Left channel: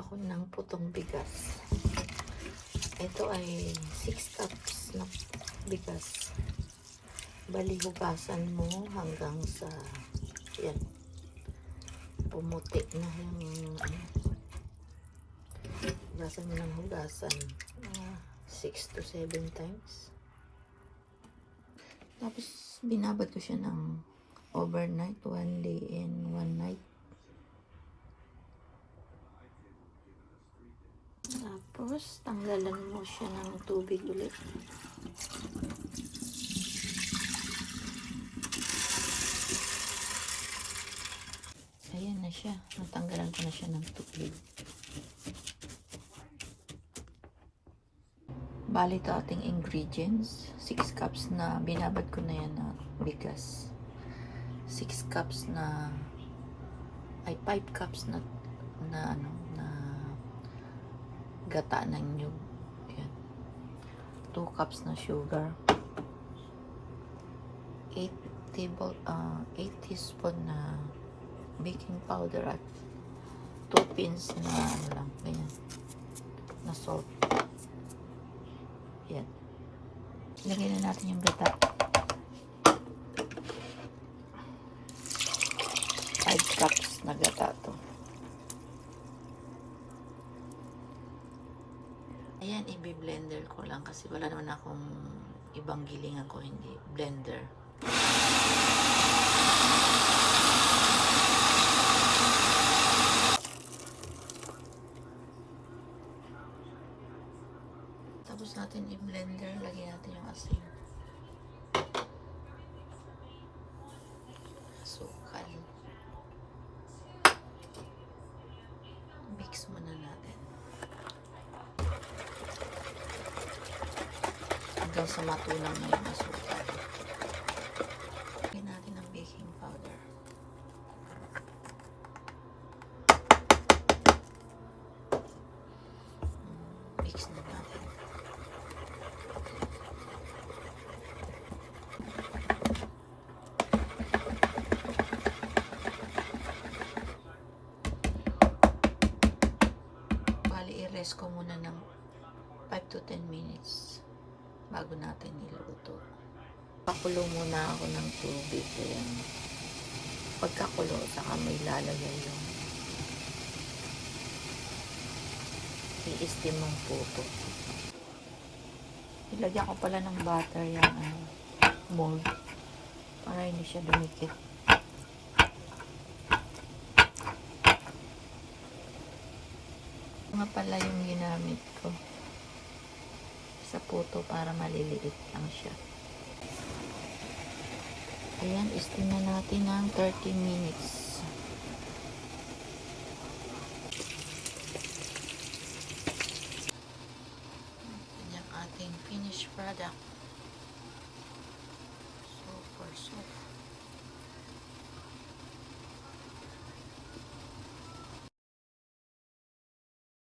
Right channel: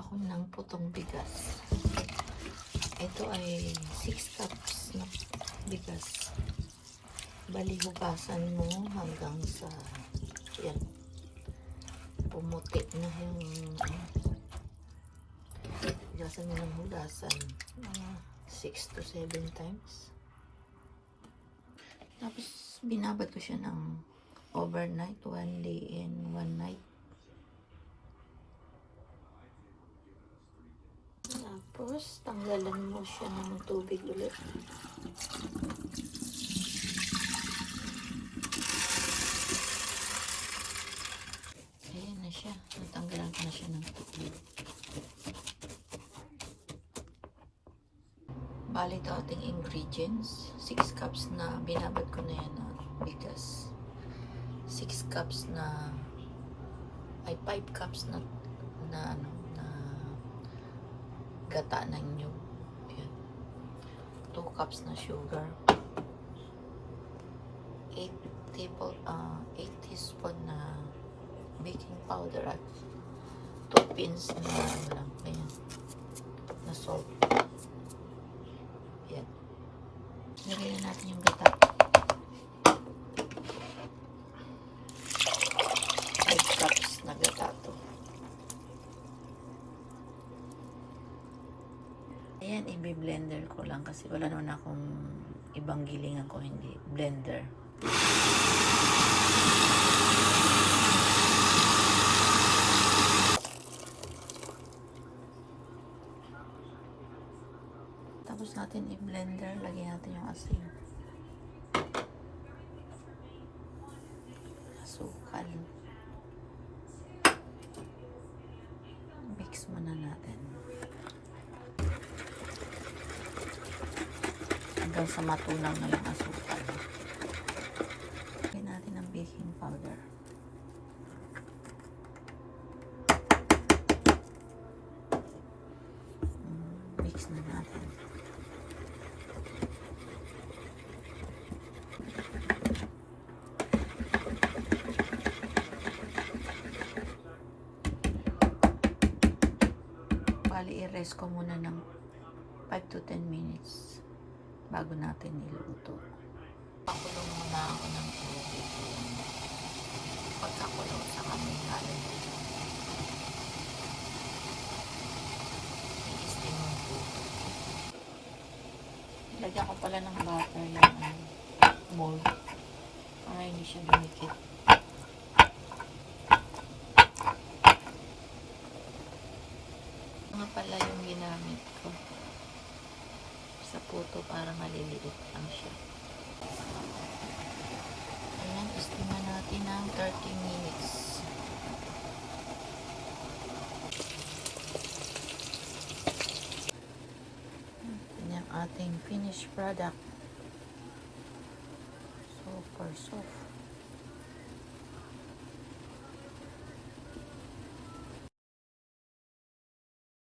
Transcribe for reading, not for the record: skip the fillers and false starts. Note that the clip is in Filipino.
ako ng putong bigas. Ito ay 6 cups na bigas. Bali, hugasan mo hanggang sa yan, pumuti na yung hugasan mo ng hugasan 6 to 7 times. Tapos binabad ko siya ng overnight, 1 day and 1 night. Tapos tanggalan mo siya ng tubig ulit. Ayan na siya, natanggalan ko na siya ng tubig. Bali ito ating ingredients, 6 cups na binabad ko na yan na bigas, 6 cups na ay 5 cups na gata ng nyug, 2 cups na sugar, 8 teaspoon na baking powder at 2 pins na na salt. Ayan. Lagay na natin yung gata. 5 cups na gata to. Ayan, i-blender ko lang kasi wala naman akong ibang gilingan ko, hindi blender. Tapos natin i-blender, lagyan natin yung asin. Asukal. Mix muna natin. Hanggang sa matunaw na yung asukal. Lagyan natin ang baking powder. Mix na natin. Bali, i-rest ko muna ng 5 to 10 minutes bago natin niluto. Pakulo muna ako ng tubig. Pagkakulo, saka may lalagay lang. I-steam ang puto. Ilagyan ko pala ng butter yung mold para hindi siya dumikit. Nga pala yung ginamit ko sa puto para maliliit lang siya. Ayan, steam na natin ng 30 minutes. Ating finished product. Super soft.